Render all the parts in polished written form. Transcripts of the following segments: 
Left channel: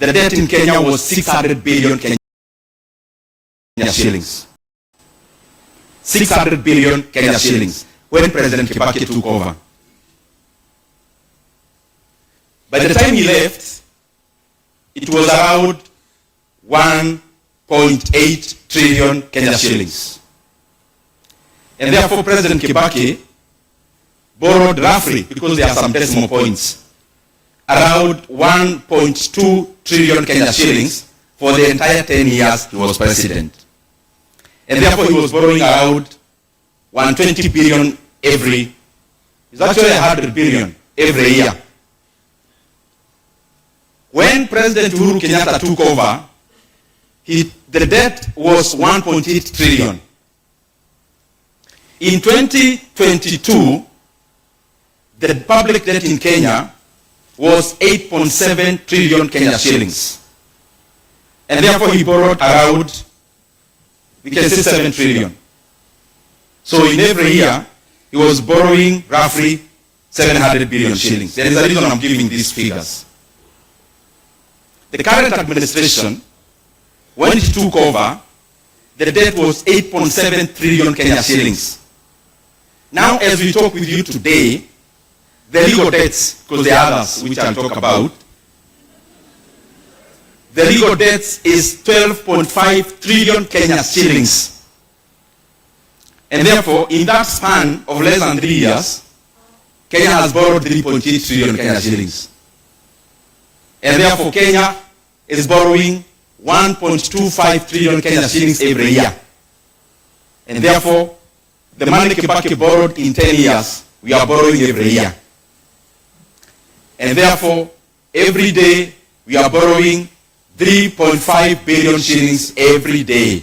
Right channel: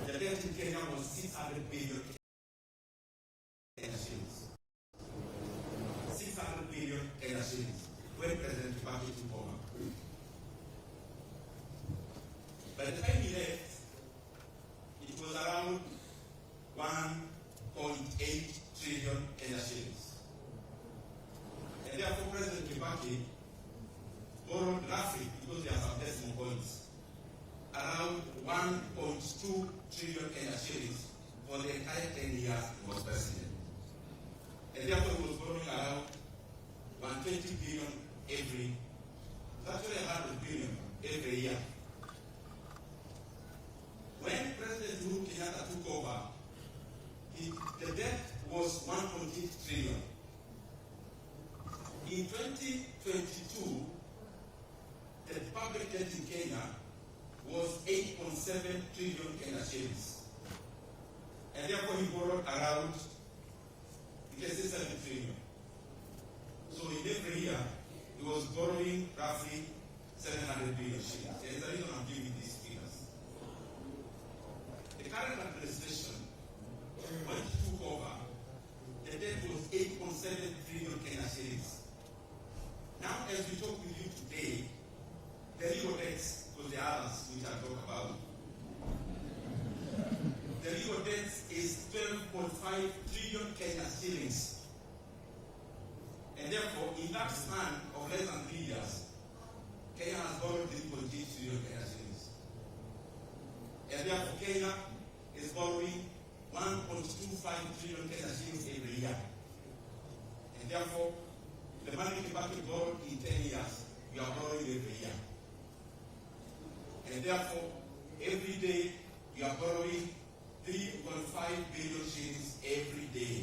the debt in Kenya was 600 billion Kenya shillings. 600 billion Kenya shillings when President Kibaki took over. By the time he left, it was around 1.8 trillion Kenya shillings. And therefore, President Kibaki borrowed roughly, because there are some decimal points, around 1.2 trillion Kenya shillings for the entire 10 years he was president. And therefore, he was borrowing around 120 billion it's actually 100 billion every year. When President Uhuru Kenyatta took over, the debt was 1.8 trillion. In 2022, the public debt in Kenya was 8.7 trillion Kenya shillings. And therefore he borrowed around, we can say 7 trillion. So in every year, he was borrowing roughly 700 billion shillings. There is a reason I'm giving these figures. The current administration, when it took over, the debt was 8.7 trillion Kenya shillings. Now, as we talk with you today, the legal debts, because there are others which I'll talk about, the legal debts is 12.5 trillion Kenya shillings. And therefore, in that span of less than 3 years, Kenya has borrowed 3.8 trillion Kenya shillings. And therefore, Kenya is borrowing 1.25 trillion Kenya shillings every year. And therefore, the money Kibaki borrowed in 10 years, we are borrowing every year. And therefore, every day, we are borrowing 3.5 billion shillings every day.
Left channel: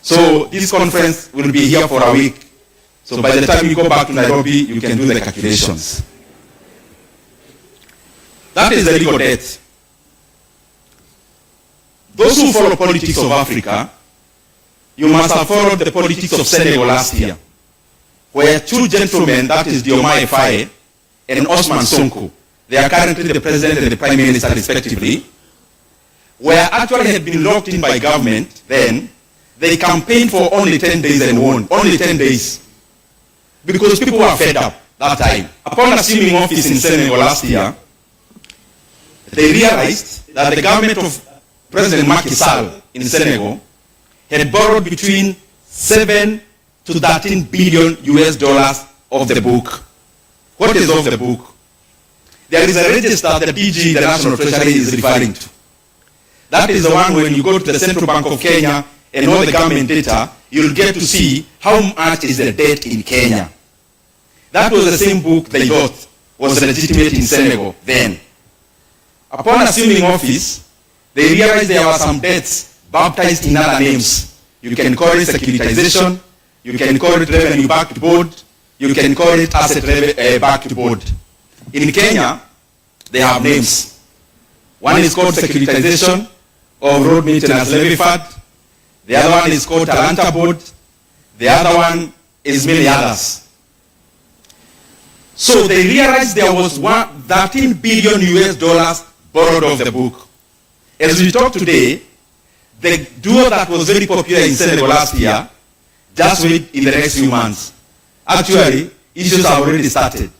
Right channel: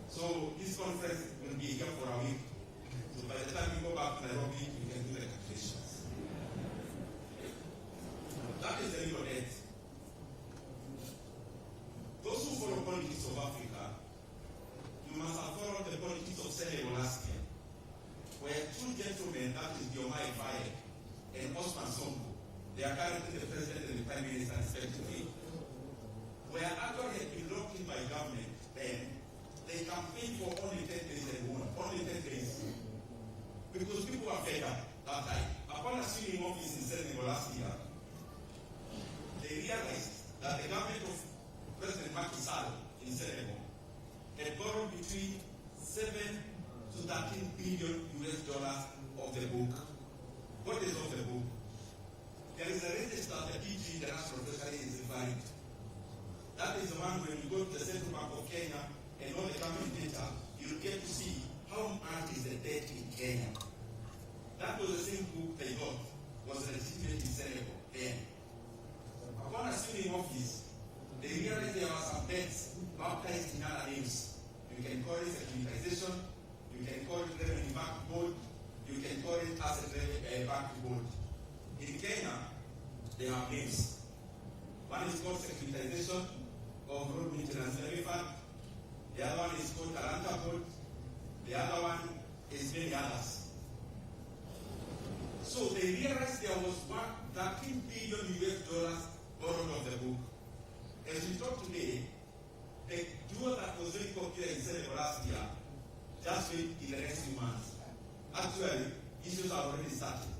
So this conference will be here for a week. So by the time you go back to Nairobi, you can do the calculations. That is the legal debt. Those who follow politics of Africa, you must have followed the politics of Senegal last year, where two gentlemen, that is Diomaye Faye and Osman Sonko, they are currently the president and the prime minister respectively, were actually had been locked in by government then. They campaigned for only 10 days and won, only 10 days. Because people were fed up that time. Upon assuming office in Senegal last year, they realized that the government of President Macky Sall in Senegal had borrowed between 7 to 13 billion US dollars of the book. What is of the book? There is a register that DG, the National Treasury, is referring to. That is the one when you go to the Central Bank of Kenya and all the government data, you'll get to see how much is the debt in Kenya. That was the same book they thought was legitimate in Senegal then. Upon assuming office, they realized there were some debts baptized in other names. You can call it securitization, you can call it revenue-backed board, you can call it asset-backed board. In Kenya, they have names. One is called securitization of road maintenance levy fund. The other one is called Talanta board. The other one is many others. So they realized there was 13 billion US dollars borrowed off the book. As we talk today, the duo that was very popular in Senegal last year, just wait in the next few months. Actually, issues have already started.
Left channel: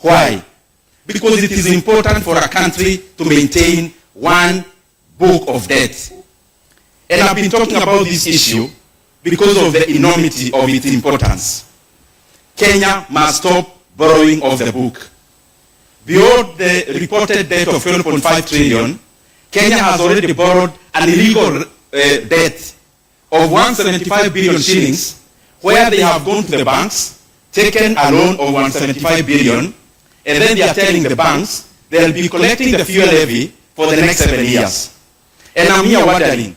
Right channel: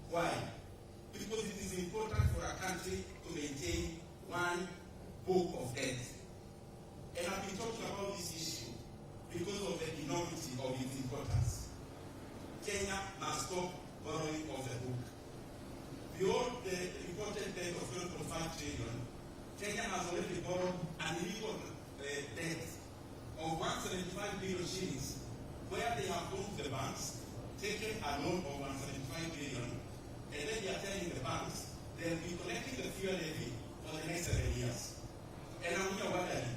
Why? Because it is important for a country to maintain one book of debt. And I've been talking about this issue because of the enormity of its importance. Kenya must stop borrowing off the book. Beyond the reported debt of 12.5 trillion, Kenya has already borrowed an illegal debt of 175 billion shillings, where they have gone to the banks, taken a loan of 175 billion, and then they are telling the banks they'll be collecting the fuel levy for the next 7 years. And I'm here wondering,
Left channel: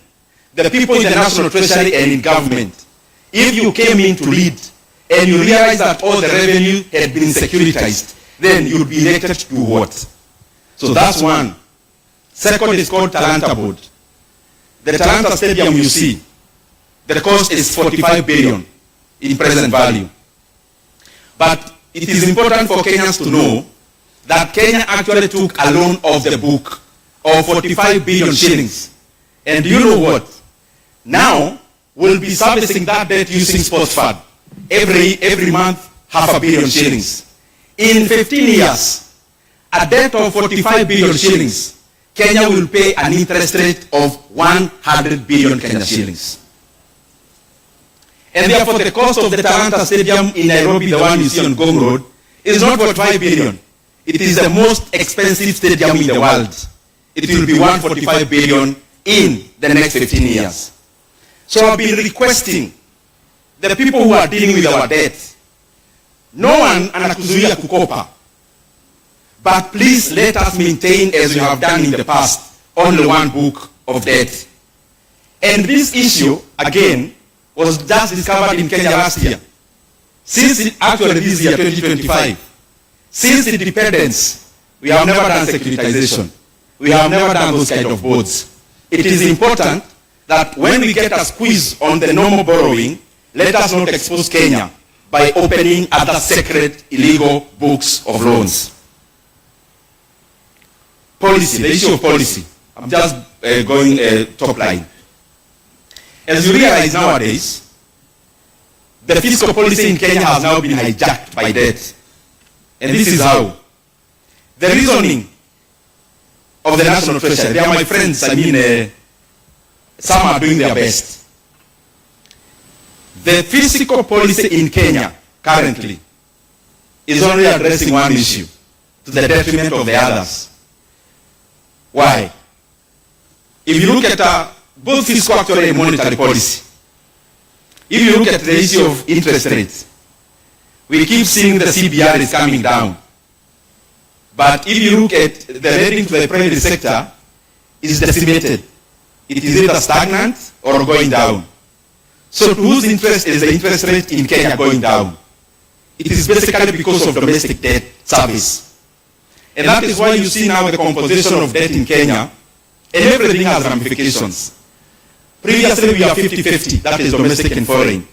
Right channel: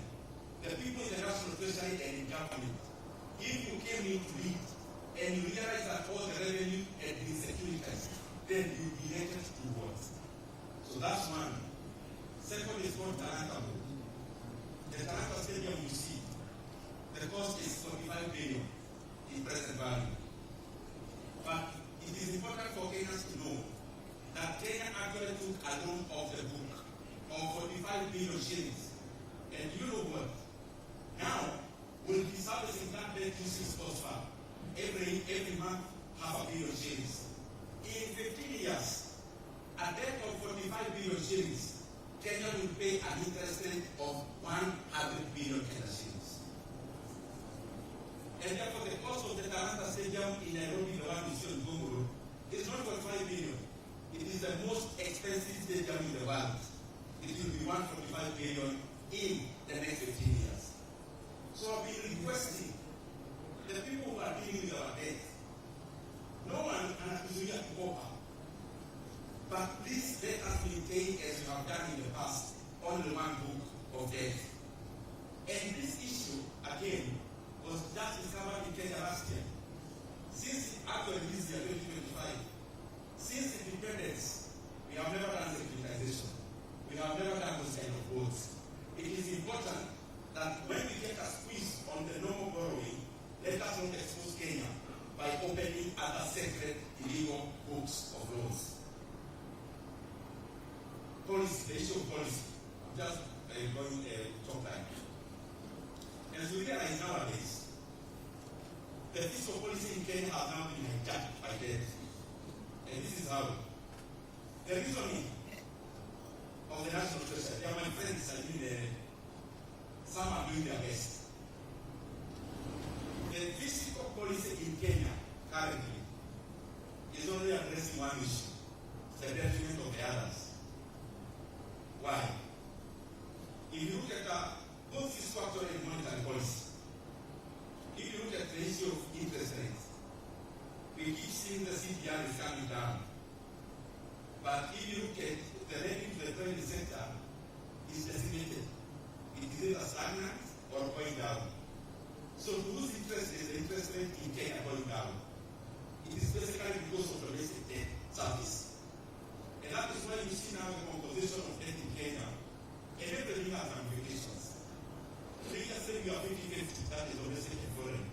the people in the National Treasury and in government, if you came in to lead and you realize that all the revenue had been securitized, then you'll be elected to do what? So that's one. Second is called Talanta board. The Talanta Stadium you see, the cost is 45 billion in present value. But it is important for Kenyans to know that Kenya actually took a loan off the book of 45 billion shillings. And you know what? Now, we'll be servicing that debt using sports fund. Every month, $500 million shillings. In 15 years, a debt of 45 billion shillings, Kenya will pay an interest rate of 100 billion Kenya shillings. And therefore, the cost of the Talanta Stadium in Nairobi, the one you see on Gong Road, is not 45 billion. It is the most expensive stadium in the world. It will be 145 billion in the next 15 years. So I've been requesting the people who are dealing with our debt, no one anakuzuia kukopa, but please let us maintain, as we have done in the past, only one book of debt. And this issue, again, was just discovered in Kenya last year. Actually this year, 2025, since independence, we have never done securitization. We have never done those kind of boards. It is important that when we get a squeeze on the normal borrowing, let us not expose Kenya by opening other secret, illegal books of loans. Policy, the issue of policy. I'm just going top line. As you realize nowadays, the fiscal policy in Kenya has now been hijacked by debt. And this is how. The reasoning of the National Treasury, they are my friends, some are doing their best. The fiscal policy in Kenya currently is only addressing one issue, to the detriment of the others. Why? If you look at both fiscal actually and monetary policy, if you look at the issue of interest rates, we keep seeing the CBR is coming down. But if you look at the lending to the private sector, it's decimated. It is either stagnant or going down. So to whose interest is the interest rate in Kenya going down? It is basically because of domestic debt service. And that is why you see now the composition of debt in Kenya, and everything has ramifications. Previously we are 50-50, that is domestic and foreign.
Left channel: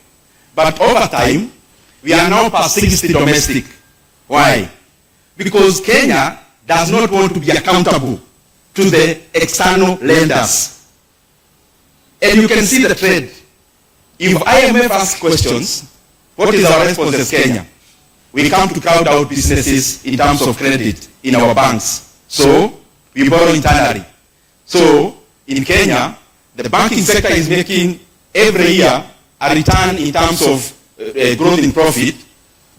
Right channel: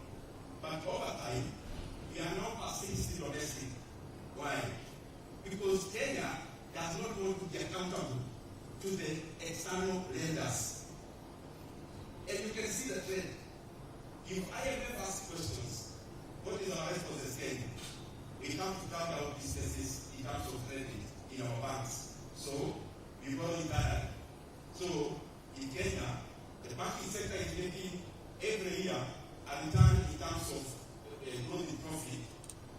But over time, we are now past 60 domestic. Why? Because Kenya does not want to be accountable to the external lenders. And you can see the trend. If IMF asks questions, what is our response as Kenya? We come to crowd out businesses in terms of credit in our banks. So we borrow internally. So in Kenya, the banking sector is making every year a return in terms of growth in profit,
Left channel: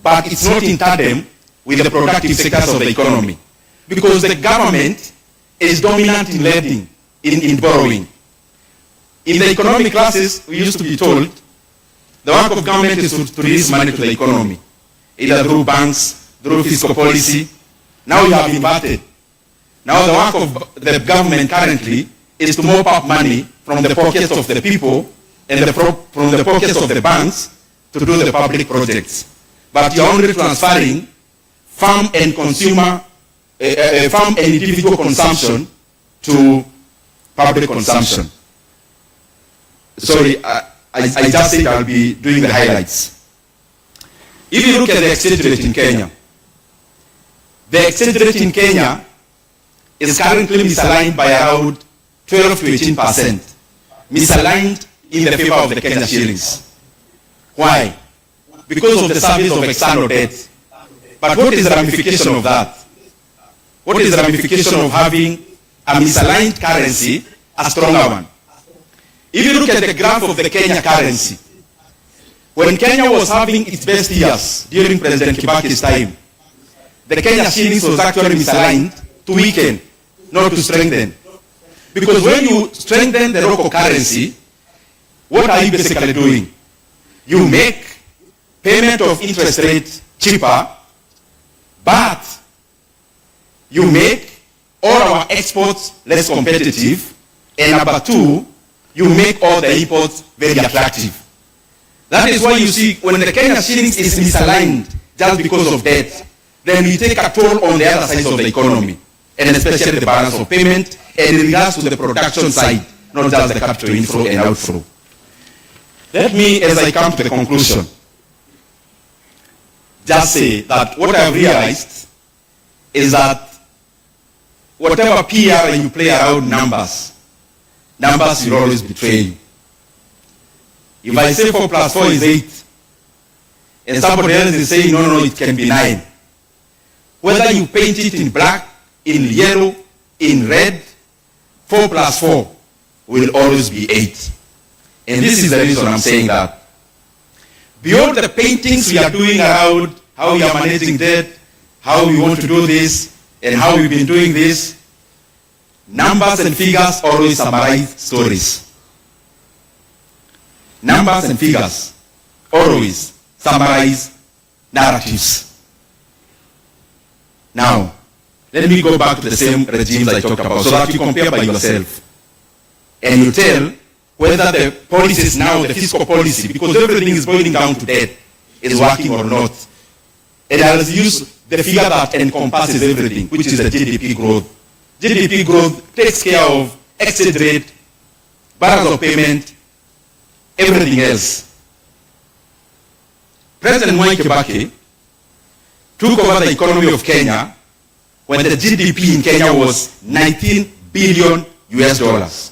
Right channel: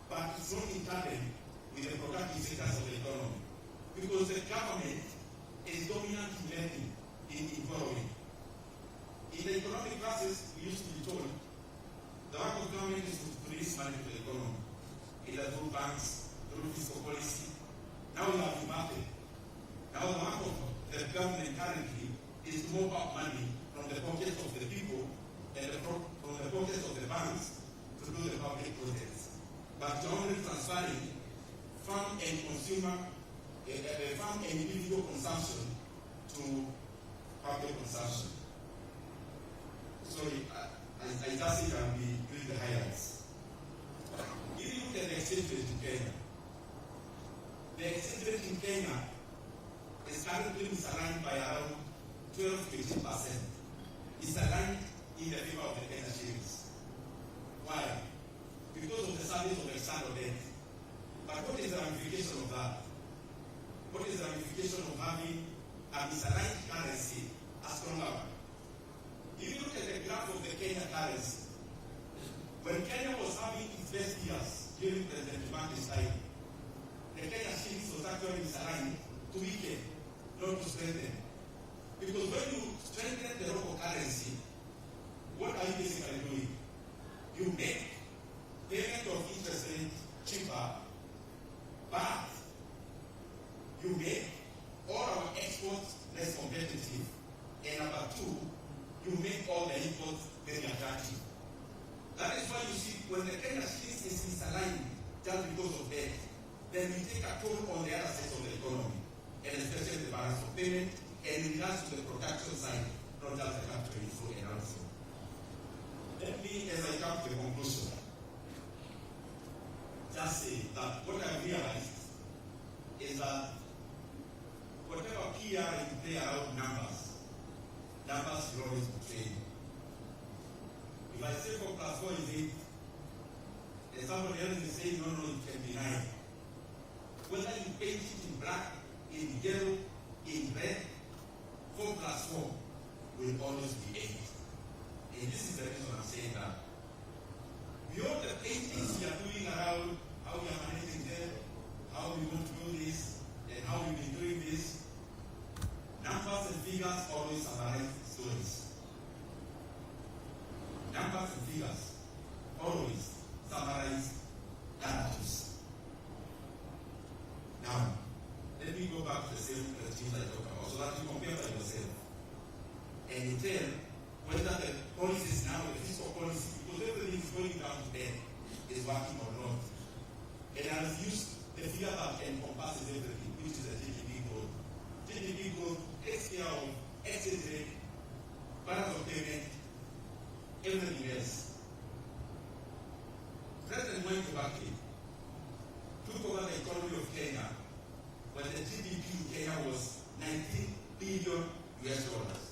but it's not in tandem with the productive sectors of the economy. Because the government is dominant in lending, in borrowing. In the economic classes, we used to be told, the work of government is to release money to the economy, either through banks, through fiscal policy. Now you have inverted. Now the work of the government currently is to mop up money from the pockets of the people and from the pockets of the banks to do the public projects. But you're only transferring farm and consumer, farm and individual consumption to public consumption. Sorry, I just said I'll be doing the highlights. If you look at the exchange rate in Kenya, the exchange rate in Kenya is currently misaligned by around 12 to 18%. Misaligned in the favor of the Kenya shillings. Why? Because of the service of external debt. But what is the ramification of that? What is the ramification of having a misaligned currency, a stronger one? If you look at the graph of the Kenya currency, when Kenya was having its best years during President Kibaki's time, the Kenya shillings was actually misaligned to weaken, not to strengthen. Because when you strengthen the local currency, what are you basically doing? You make payment of interest rate cheaper, but you make all our exports less competitive, and number two, you make all the imports very attractive. That is why you see when the Kenya shillings is misaligned just because of debt, then we take a toll on the other sides of the economy, and especially the balance of payment, and in regards to the production side, not just the capital inflow and outflow. Let me, as I come to the conclusion, just say that what I've realized is that whatever PR you play around numbers, numbers will always betray you. If I say 4 plus 4 is 8, and somebody else is saying, no, it can be 9. Whether you paint it in black, in yellow, in red, 4 plus 4 will always be 8. And this is the reason I'm saying that. Beyond the paintings we are doing around how we are managing debt, how we want to do this, and how we've been doing this, numbers and figures always summarize stories. Numbers and figures always summarize narratives. Now, let me go back to the same regimes I talked about so that you compare by yourself. And you tell whether the policies now, the fiscal policy, because everything is boiling down to debt, is working or not. And I'll use the figure that encompasses everything, which is the GDP growth. GDP growth takes care of exchange rate, balance of payment, everything else. President Mwai Kibaki took over the economy of Kenya when the GDP in Kenya was 19 billion US dollars.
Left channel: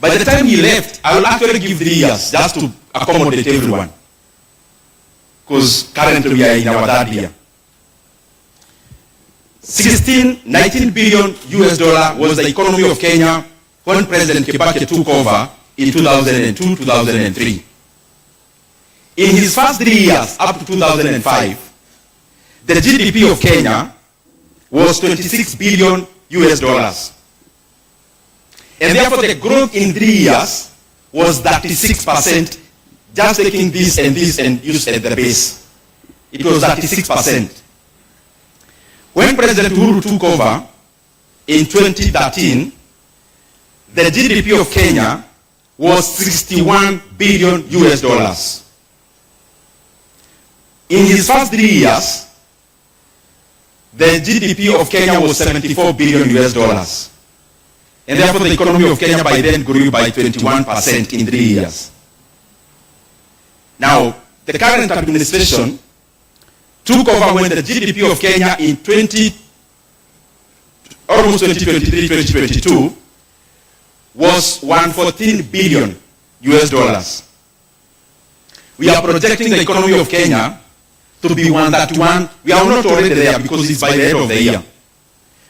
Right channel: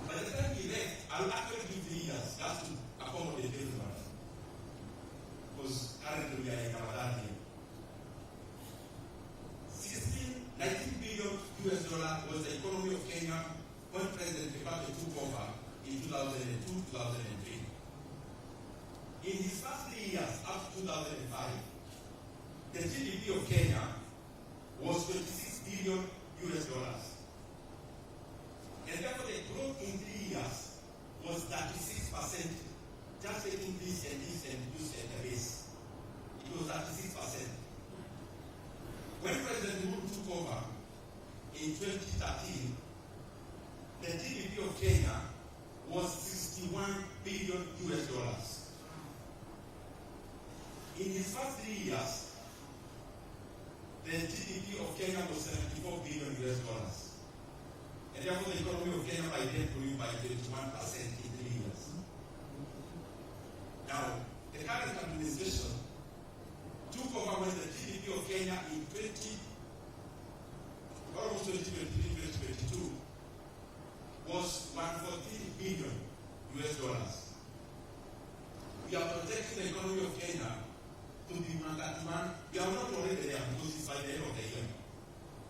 By the time he left, I will actually give 3 years just to accommodate everyone. Because currently we are in our 3rd year. 19 billion US dollar was the economy of Kenya when President Kibaki took over in 2002, 2003. In his first 3 years, up to 2005, the GDP of Kenya was 26 billion US dollars. And therefore the growth in 3 years was 36%, just taking this and use at the base. It was 36%. When President Uhuru took over in 2013, the GDP of Kenya was 61 billion US dollars. In his first 3 years, the GDP of Kenya was 74 billion US dollars. And therefore the economy of Kenya by then grew by 21% in 3 years. Now, the current administration took over when the GDP of Kenya in almost 2023, 2022 was 114 billion US dollars. We are projecting the economy of Kenya to be 131. We are not already there because it's by the end of the year.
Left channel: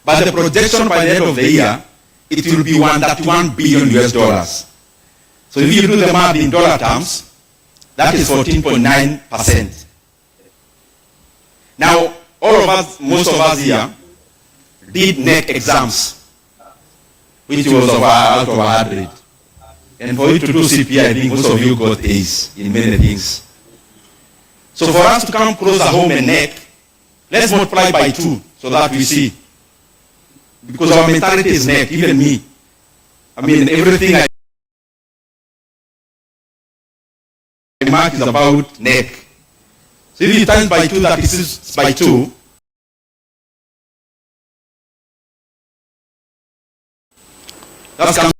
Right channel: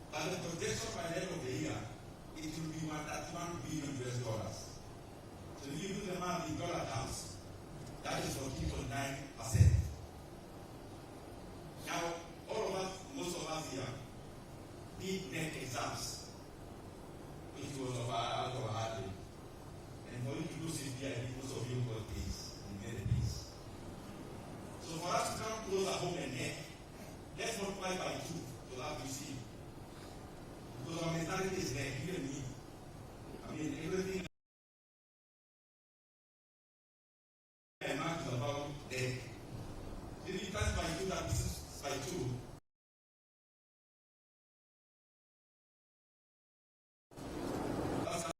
But the projection by the end of the year, it will be 131 billion US dollars. So if you do the math in dollar terms, that is 14.9%. Now, all of us, most of us here, did NEC exams, which was out of 100. And for you to do CPI, I think most of you got A's in many things. So for us to come closer home and NEC, let's multiply by 2 so that we see. Because our mentality is NEC, even me. I mean, everything I remark is about NEC. So if you times by 2, that is by 2. That's